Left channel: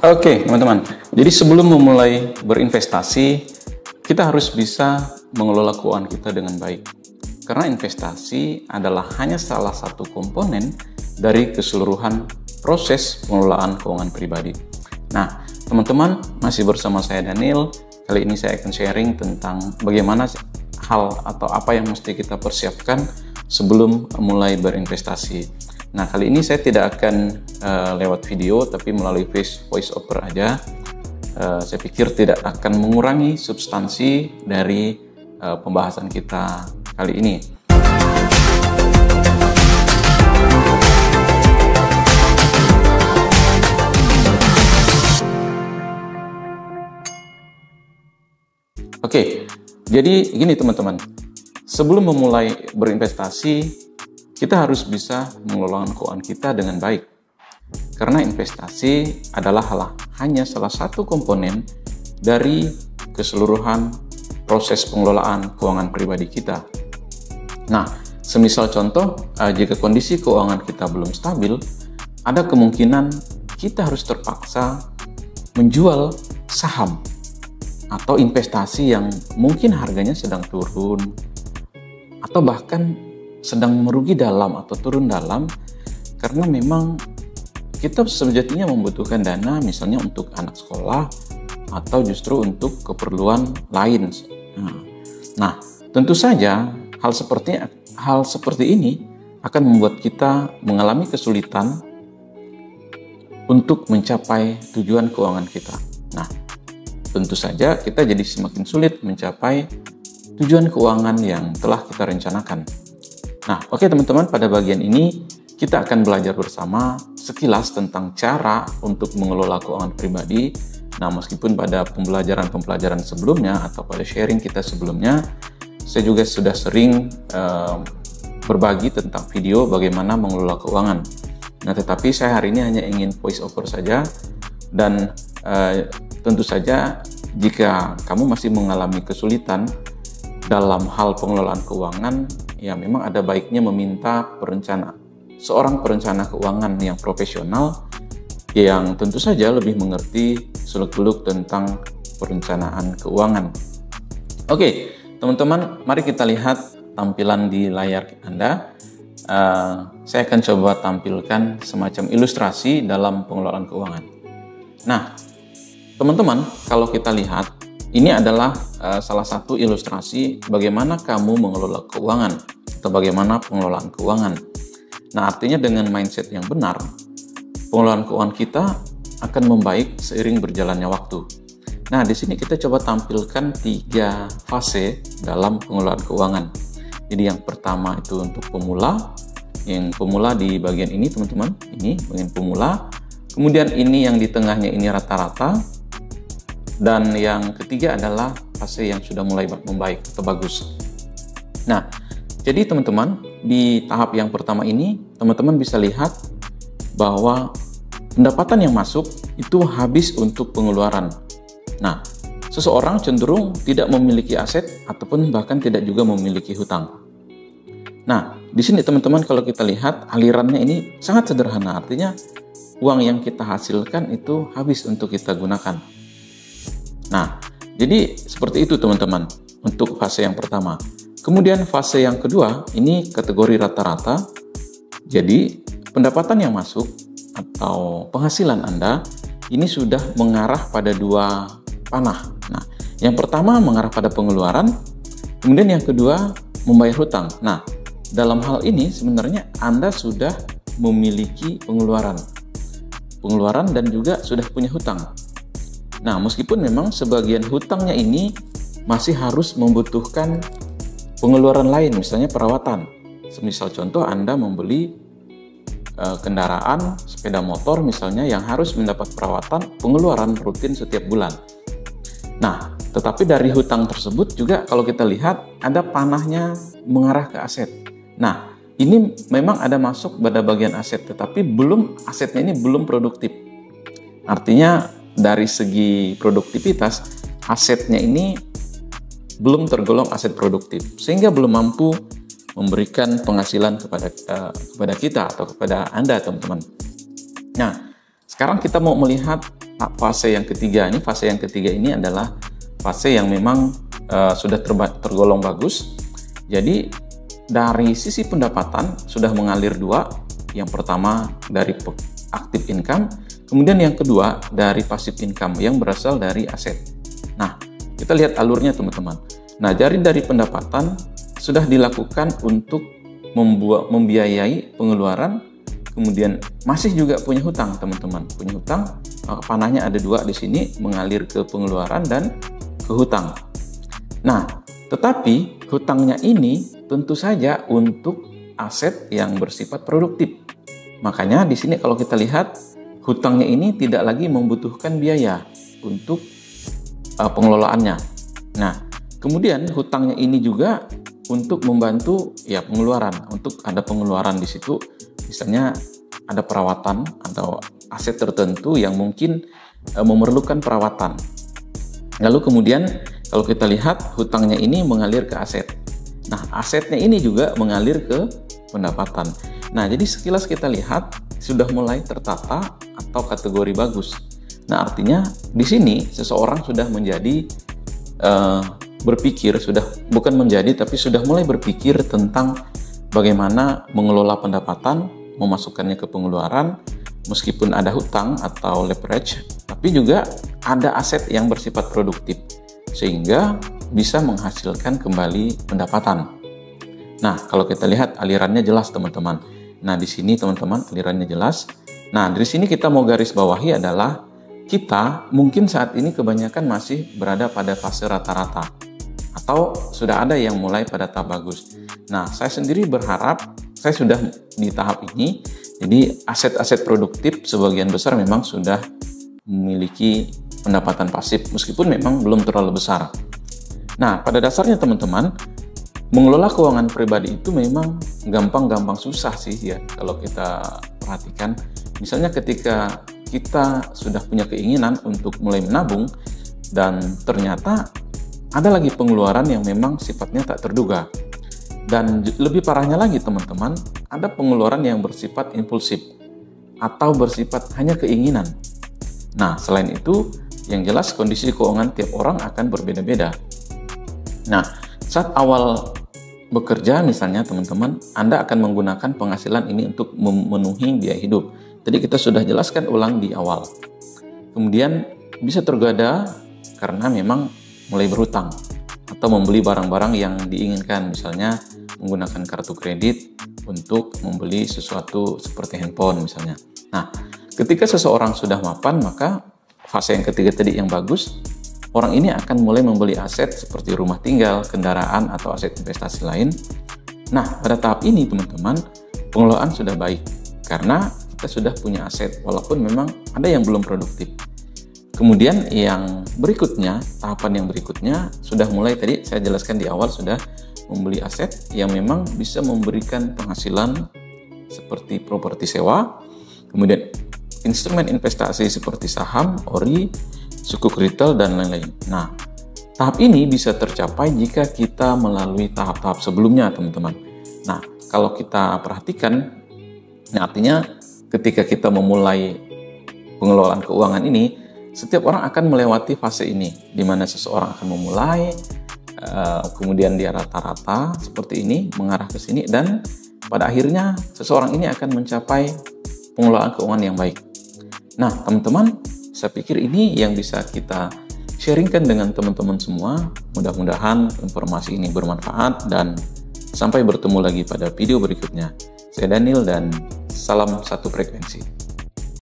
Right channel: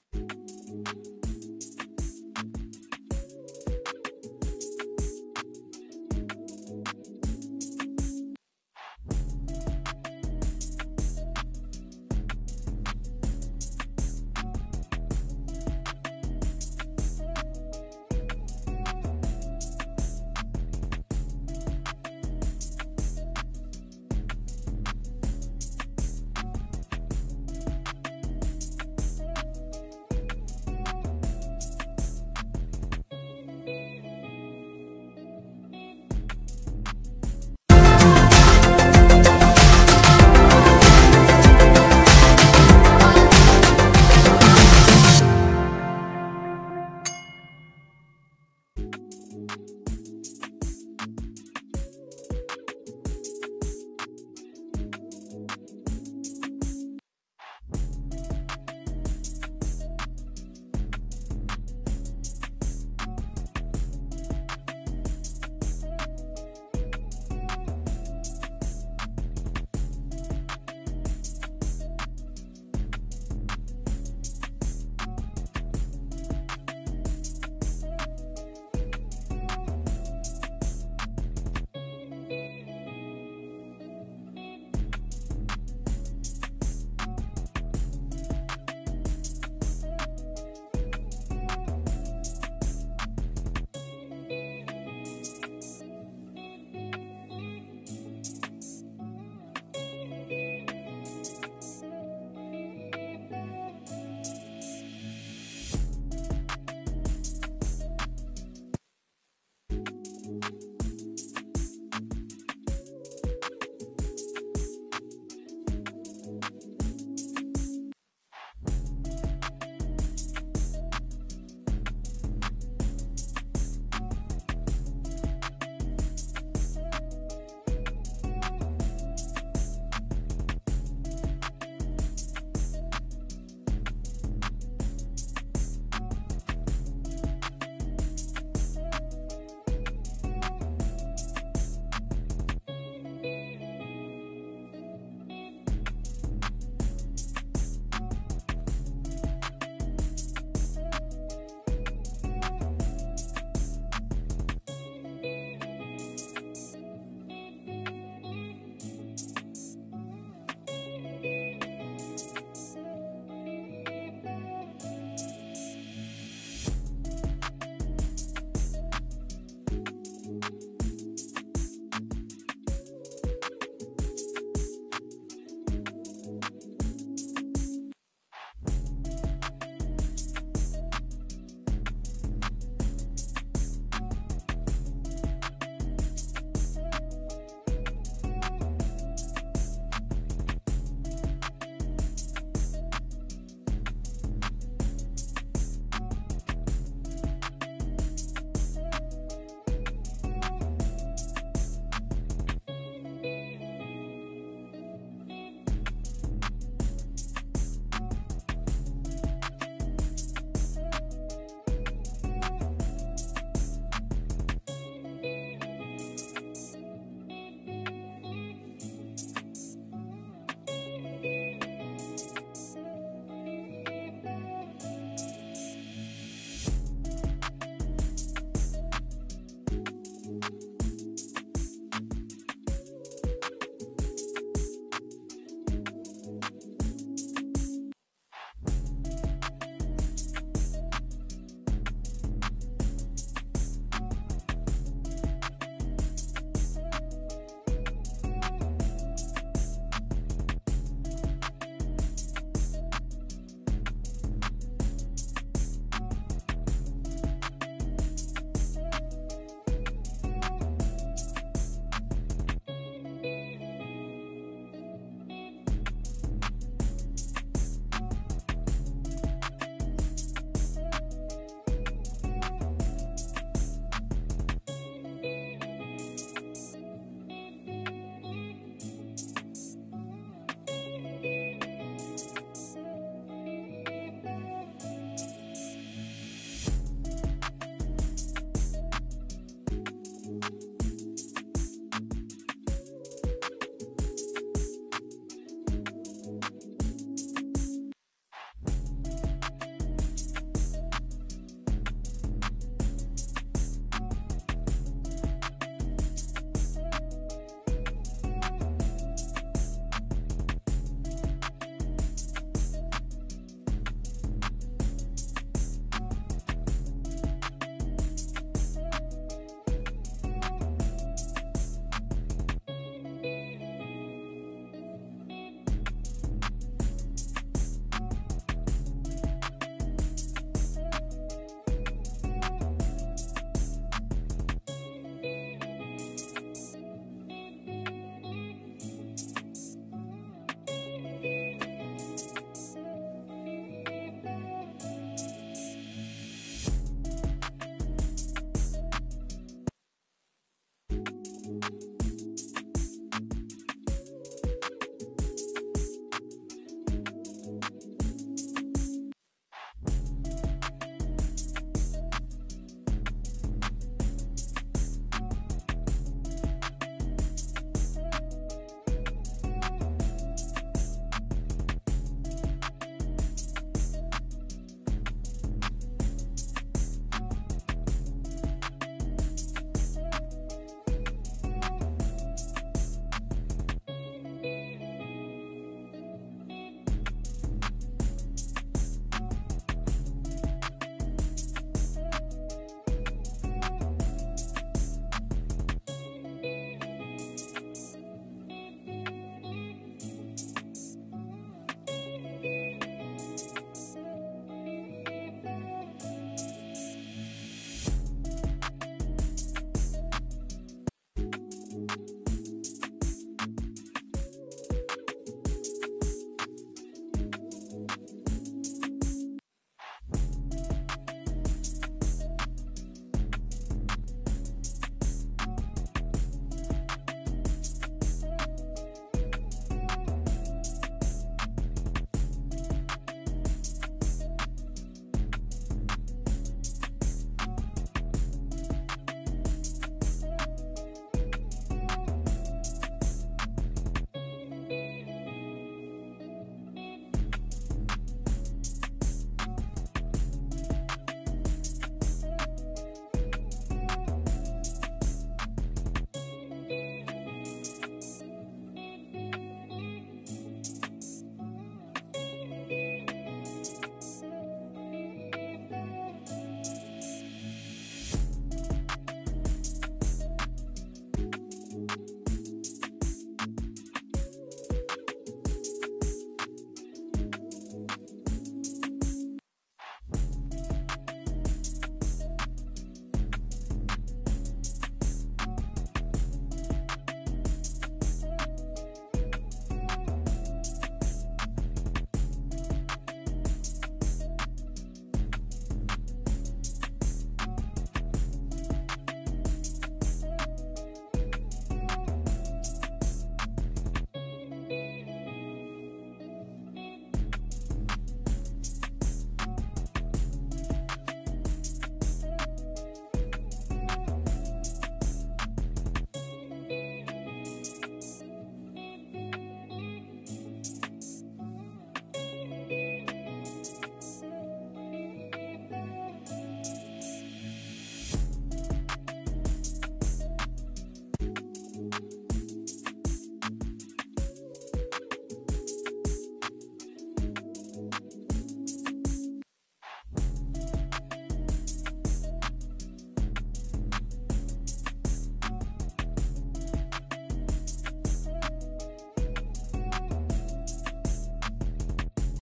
Oke, teman-teman. Jadi sebelum memulai berinvestasi, kita harus bisa mengelola keuangan kita dengan baik. Karena investasi adalah hanya salah satu komponen dari keseluruhan proses pengelolaan keuangan pribadi. Nah, teman-teman, masih bersama saya Daniel. Kali ini saya akan sharing tentang bagaimana hal atau apa yang mesti kita persiapkan sebelum mulai berinvestasi. Nah, kali ini saya tidak akan lewat video, tapi melalui voice over aja. Saya pikir tidak akan mengurangi substansi dari pembahasan kita kali ini. Oke, jadi gini teman-teman. Sebelum memulai berinvestasi, kita harus bisa mengelola keuangan kita dengan baik. Karena investasi adalah hanya salah satu komponen dari keseluruhan proses pengelolaan keuangan pribadi kita. Nah, semisal contoh, jika kondisi keuangan kita belum stabil, ada kemungkinan kita harus terpaksa menjual saham atau investasi yang mungkin harganya sedang turun atau bahkan sedang merugi dalam atau turun dalam, karena memang kita sejatinya membutuhkan dana misalnya untuk anak sekolah atau justru untuk keperluan lain. Nah, tentu saja hal seperti ini akan membuat kita mengalami kesulitan untuk mencapai tujuan keuangan kita. Nah, tentu saja kita jadi semakin sulit mencapai tujuan keuangan yang telah kita rencanakan. Nah, oke teman-teman, pada bagian ini kita akan belajar bersama sekilas tentang cara untuk mengelola keuangan pribadi. Nah, meskipun pada pembelajaran sebelumnya atau pada sharing kita sebelumnya, saya juga sudah sering berbagi tentang video bagaimana mengelola keuangan. Nah, tetapi saya hari ini hanya ingin voice over saja, dan tentu saja jika kamu masih mengalami kesulitan dalam hal pengelolaan keuangan, ya memang ada baiknya meminta seorang perencana keuangan yang profesional yang tentu saja lebih mengerti seluk-beluk tentang perencanaan keuangan. Oke, teman-teman, mari kita lihat tampilan di layar Anda. Saya akan coba tampilkan semacam ilustrasi dalam pengelolaan keuangan. Nah, teman-teman, kalau kita lihat, ini adalah salah satu ilustrasi bagaimana kamu mengelola keuangan atau bagaimana pengelolaan keuangan. Nah, artinya dengan mindset yang benar, pengelolaan keuangan kita akan membaik seiring berjalannya waktu. Nah, di sini kita coba tampilkan 3 fase dalam pengelolaan keuangan. Jadi yang pertama itu untuk pemula. Yang pemula di bagian ini, teman-teman, ini bagian pemula. Kemudian ini yang di tengahnya ini rata-rata. Dan yang ketiga adalah fase yang sudah mulai membaik atau bagus. Nah, jadi teman-teman, di tahap yang pertama ini, teman-teman bisa lihat bahwa pendapatan yang masuk itu habis untuk pengeluaran. Nah, seseorang cenderung tidak memiliki aset ataupun bahkan tidak juga memiliki hutang. Nah, di sini teman-teman kalau kita lihat alirannya ini sangat sederhana. Artinya uang yang kita hasilkan itu habis untuk kita gunakan. Nah, jadi seperti itu teman-teman untuk fase yang pertama. Kemudian fase yang kedua, ini kategori rata-rata. Jadi pendapatan yang masuk atau penghasilan Anda ini sudah mengarah pada 2 panah. Nah, yang pertama mengarah pada pengeluaran, kemudian yang kedua membayar hutang. Nah, dalam hal ini sebenarnya Anda sudah memiliki pengeluaran dan juga sudah punya hutang. Nah, meskipun memang sebagian hutangnya ini masih harus membutuhkan pengeluaran lain, misalnya perawatan. Semisal contoh Anda membeli kendaraan, sepeda motor misalnya yang harus mendapat perawatan, pengeluaran rutin setiap bulan. Nah, tetapi dari hutang tersebut juga kalau kita lihat ada panahnya mengarah ke aset. Nah, ini memang ada masuk pada bagian aset, tetapi asetnya ini belum produktif. Artinya dari segi produktivitas, asetnya ini belum tergolong aset produktif, sehingga belum mampu memberikan penghasilan kepada kita atau kepada Anda, teman-teman. Nah, sekarang kita mau melihat fase yang ketiga ini adalah fase yang memang sudah tergolong bagus. Jadi dari sisi pendapatan sudah mengalir dua. Yang pertama dari active income, kemudian yang kedua dari passive income yang berasal dari aset. Nah, kita lihat alurnya teman-teman. Nah, dari pendapatan sudah dilakukan untuk membiayai pengeluaran, kemudian masih juga punya hutang teman-teman. Punya hutang, panahnya ada dua di sini, mengalir ke pengeluaran dan ke hutang. Nah, tetapi hutangnya ini tentu saja untuk aset yang bersifat produktif. Makanya di sini kalau kita lihat hutangnya ini tidak lagi membutuhkan biaya untuk pengelolaannya. Nah, kemudian hutangnya ini juga untuk membantu ya pengeluaran, untuk ada pengeluaran di situ, misalnya ada perawatan atau aset tertentu yang mungkin memerlukan perawatan. Lalu kemudian kalau kita lihat hutangnya ini mengalir ke aset. Nah, asetnya ini juga mengalir ke pendapatan. Nah, jadi sekilas kita lihat sudah mulai tertata atau kategori bagus. Nah, artinya di sini seseorang sudah menjadi berpikir, bukan menjadi tapi sudah mulai berpikir tentang bagaimana mengelola pendapatan, memasukkannya ke pengeluaran, meskipun ada hutang atau leverage, tapi juga ada aset yang bersifat produktif sehingga bisa menghasilkan kembali pendapatan. Nah, kalau kita lihat alirannya jelas teman-teman. Nah, di sini teman-teman alirannya jelas. Nah, dari sini kita mau garis bawahi adalah kita mungkin saat ini kebanyakan masih berada pada fase rata-rata atau sudah ada yang mulai pada tahap bagus. Nah, saya sendiri berharap saya sudah di tahap ini. Jadi aset-aset produktif sebagian besar memang sudah memiliki pendapatan pasif meskipun memang belum terlalu besar. Nah, pada dasarnya teman-teman, mengelola keuangan pribadi itu memang gampang-gampang susah sih ya kalau kita perhatikan. Misalnya ketika kita sudah punya keinginan untuk mulai menabung dan ternyata ada lagi pengeluaran yang memang sifatnya tak terduga. Dan lebih parahnya lagi teman-teman, ada pengeluaran yang bersifat impulsif atau bersifat hanya keinginan. Nah, selain itu, yang jelas kondisi keuangan tiap orang akan berbeda-beda. Nah, saat awal bekerja misalnya teman-teman, Anda akan menggunakan penghasilan ini untuk memenuhi biaya hidup. Tadi kita sudah jelaskan ulang di awal. Kemudian bisa tergoda karena memang mulai berhutang atau membeli barang-barang yang diinginkan, misalnya menggunakan kartu kredit untuk membeli sesuatu seperti handphone misalnya. Nah, ketika seseorang sudah mapan, maka fase yang ketiga tadi yang bagus, orang ini akan mulai membeli aset seperti rumah tinggal, kendaraan, atau aset investasi lain. Nah, pada tahap ini teman-teman, pengelolaan sudah baik karena kita sudah punya aset walaupun memang ada yang belum produktif. Kemudian yang berikutnya, tahapan yang berikutnya sudah mulai tadi saya jelaskan di awal, sudah membeli aset yang memang bisa memberikan penghasilan seperti properti sewa, kemudian instrumen investasi seperti saham, ori, sukuk retail, dan lain-lain. Nah, tahap ini bisa tercapai jika kita melalui tahap-tahap sebelumnya, teman-teman. Nah, kalau kita perhatikan, nah artinya ketika kita memulai pengelolaan keuangan ini, setiap orang akan melewati fase ini, di mana seseorang akan memulai, kemudian dia rata-rata seperti ini, mengarah ke sini, dan pada akhirnya seseorang ini akan mencapai pengelolaan keuangan yang baik. Nah, teman-teman, saya pikir ini yang bisa kita sharingkan dengan teman-teman semua. Mudah-mudahan informasi ini bermanfaat dan sampai bertemu lagi pada video berikutnya. Saya Daniel dan salam satu frekuensi.